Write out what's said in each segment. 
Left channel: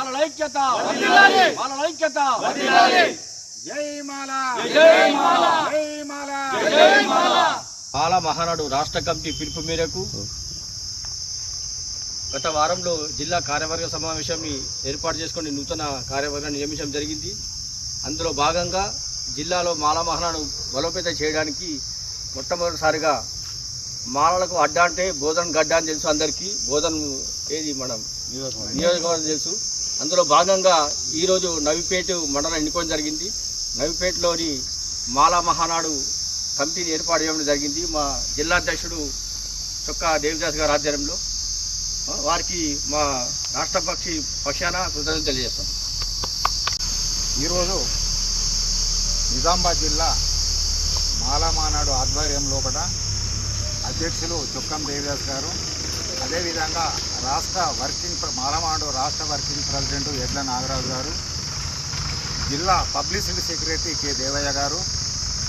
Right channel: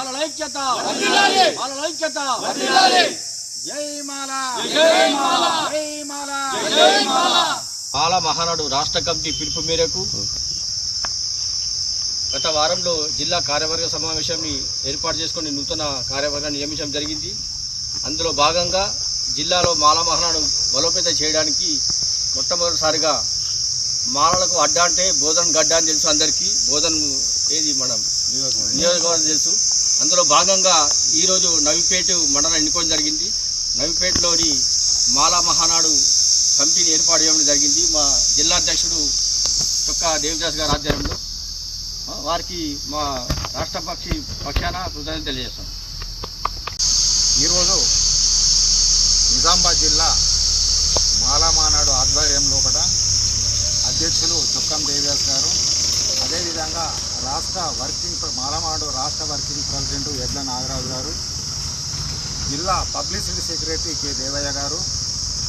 మాలల ఐక్యత జై మాల జై మాల జై మాల. మాల మహానాడు రాష్ట్ర కమిటీ పిలుపు మేరకు గత వారంలో జిల్లా కార్యవర్గ సమావేశాన్ని ఏర్పాటు చేసుకుని నూతన కార్యవర్గాన్ని నియమించడం జరిగింది. అందులో భాగంగా జిల్లాలో మాల మహానాడు బలోపేతం చేయడానికి మొట్టమొదటిసారిగా మాలలకు అడ్డ అంటే బోధన్ గడ్డ అని తెలుసు అందరికీ. బోధన్ ఏది మనం నియోజకవర్గం తెలుసు. అందులో భాగంగా ఈరోజు నవిపేట మండలం ఎన్నుకోవడం జరిగింది. నవిపేటలోని మాల మహానాడు కమిటీని ఏర్పాటు చేయడం జరిగింది. మా జిల్లా అధ్యక్షుడు చొక్కా దేవిదాస్ గారి ఆధ్వర్యంలో వారికి మా రాష్ట్ర పక్షాన కృతజ్ఞతలు తెలియజేస్తాం. ఈరోజు నిజామాబాద్ జిల్లా మాలమానాడు ఆధ్వర్యంలో కూడా అధ్యక్షులు చొక్కం దేవిదాస్ గారు, అదేవిధంగా మాలమానాడు రాష్ట్ర వర్కింగ్ ప్రెసిడెంట్ ఎడ్ల నాగరాజు గారు, జిల్లా పబ్లిసిటీ సెక్రటరీ కె దేవయ్య గారు,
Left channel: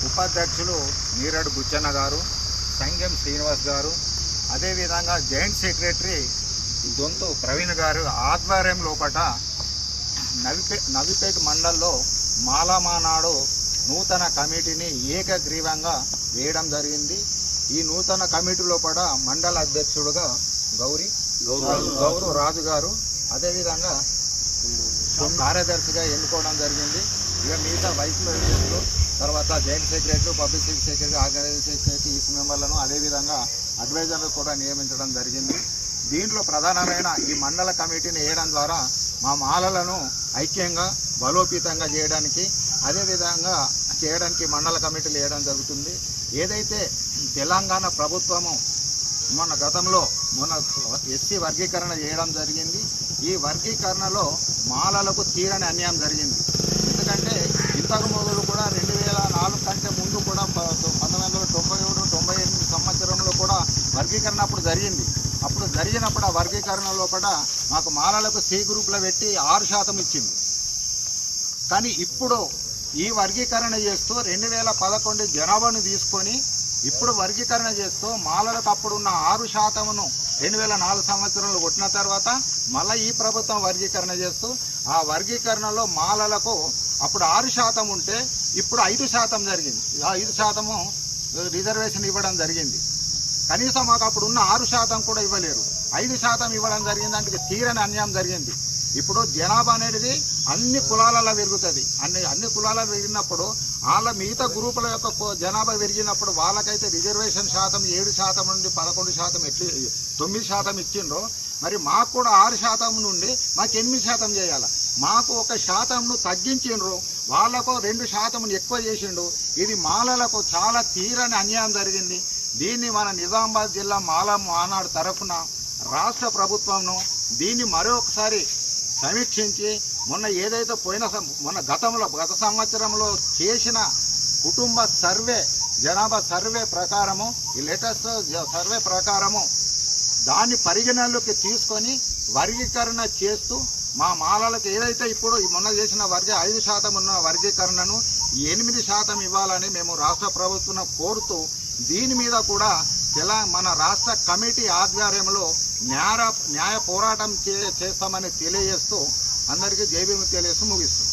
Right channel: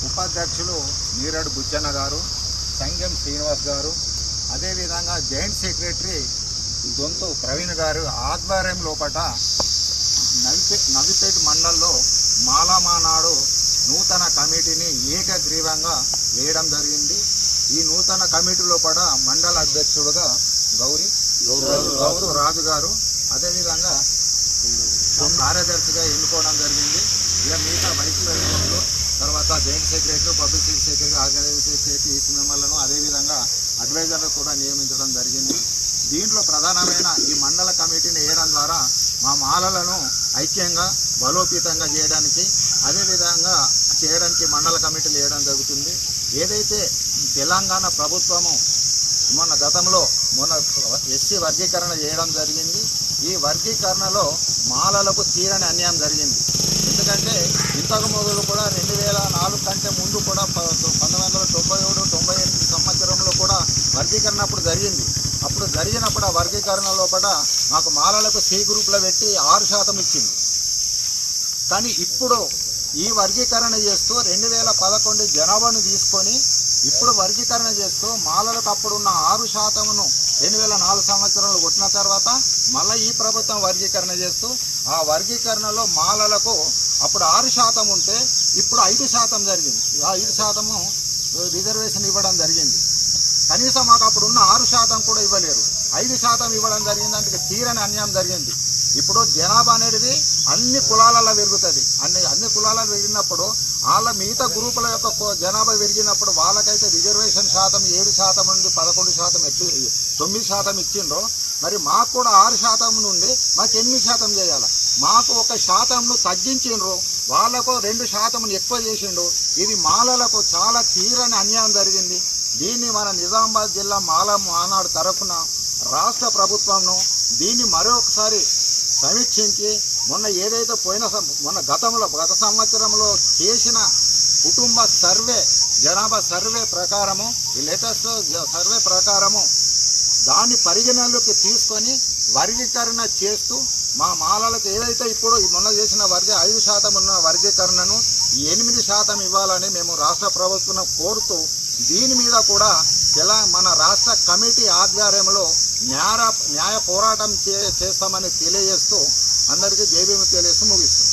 ఉపాధ్యక్షులు నీరడు బుచ్చన్న గారు, సంగం శ్రీనివాస్ గారు, అదేవిధంగా జాయింట్ సెక్రటరీ దొంతు ప్రవీణ్ గారు ఆధ్వర్యం లోపల నవిపేట మండలంలో మాలమానాడు నూతన కమిటీని ఏకగ్రీవంగా వేయడం జరిగింది. ఈ నూతన కమిటీ లోపల మండల అధ్యక్షుడుగా గౌరవ రాజు గారు, అదేవిధంగా కార్యదర్శిగా ఎన్నుకోవడం జరిగింది. ఇక మిగతా వైస్ ప్రెసిడెంట్లు, తర్వాత joint secretary, publicity secretary, organising secretary, EC మెంబర్లను, అదేవిధంగా అడ్వైజర్లు కూడా నియమించడం జరిగింది. దీంట్లో ప్రధానమైన ఈ మండల కమిటీని వేయడం ద్వారా మా మాలలను ఐక్యంగా బలోపేతంగా చేయడానికి, అదేవిధంగా చేయడానికి మండల కమిటీలు వేయడం జరుగుతుంది. ఏదైతే తెలంగాణ ప్రభుత్వము గతంలో ఎస్సీ వర్గీకరణ చేయడం జరిగింది. ఈ వర్గీకరణలో మాలలకు తీరని అన్యాయం జరిగింది. ఎందుకంటే ఇంతకు మొదలు కూడా 2004 కంటే ముందు కూడా 1997-98 సంవత్సరంలో కూడా వర్గీకరణ అప్పుడు జరిగింది. అప్పుడు జరిగినప్పుడు ఆ వర్గీకరణ లోపల మాకు మాలలకు సి గ్రూప్లో పెట్టి 6% ఇచ్చింది. కానీ ఇప్పుడు ఈ వర్గీకరణ చేస్తూ 2011 జనాభాను తీసుకొని ఇప్పుడు వర్గీకరణ చేస్తూ మాలలకు అప్పుడున్న 6%ను 2004 సంవత్సరంలో కొట్టిన తర్వాత మళ్ళీ ఈ ప్రభుత్వం వర్గీకరణ చేస్తూ ఆ వర్గీకరణలో మాలలకు అప్పుడు 6% ఉంటే ఇప్పుడు 5% జరిగింది. ఆ 5% రిజర్వేషన్ ఇవ్వడం జరిగింది. కనీసం మాకు అప్పుడు ఉన్న 6% కూడా ఇవ్వలేరు, 5% ఇవ్వడం జరిగింది. అంటే తీరని అన్యాయం జరిగింది. ఇప్పుడు జనాభా అనేది అన్ని కులాలలో పెరుగుతుంది. అన్ని కులాలలో పెరిగినప్పుడు వాళ్ళ మిగతా గ్రూపుల యొక్క జనాభా పెరిగినప్పుడు వాళ్ళకైతే రిజర్వేషన్ శాతం 7% నుండి 11% 9% ఇచ్చిండ్రో, మరి మాకు కూడా 6% నుండి మాకు 8% చేయాలి. మాకు 1%ను తగ్గించిండ్రు, వాళ్ళకు 2%ను ఎక్కువ చేసిండు. ఇది మాలలకు చాలా తీరని అన్యాయం జరిగింది. దీన్ని మన నిజామాబాద్ జిల్లా మాల మానాడు తరఫున రాష్ట్ర ప్రభుత్వంను దీన్ని మరొకసారి సమీక్షించి ఏదైతే గత సంవత్సరంలో చేసిన కుటుంబ సర్వే, జనాభా సర్వే ప్రకారము, ఈ లేటెస్ట్ సర్వే ప్రకారము దాన్ని పరిగణనలోకి తీసుకొని వర్గీకరణ చేస్తూ మా మాలలకు ఏదైతే ఇప్పుడు చేసిన 5% ఉన్న వర్గీకరణను 8% ఇవ్వాలని మేము రాష్ట్ర ప్రభుత్వం కోరుతూ దీని మీద కూడా మన రాష్ట్ర కమిటీ ఆధ్వర్యంలో న్యాయ పోరాటం చేస్తామని తెలియజేస్తూ అందరికీ జై భీమ్ తెలియజేస్తూ ముగిస్తుంది.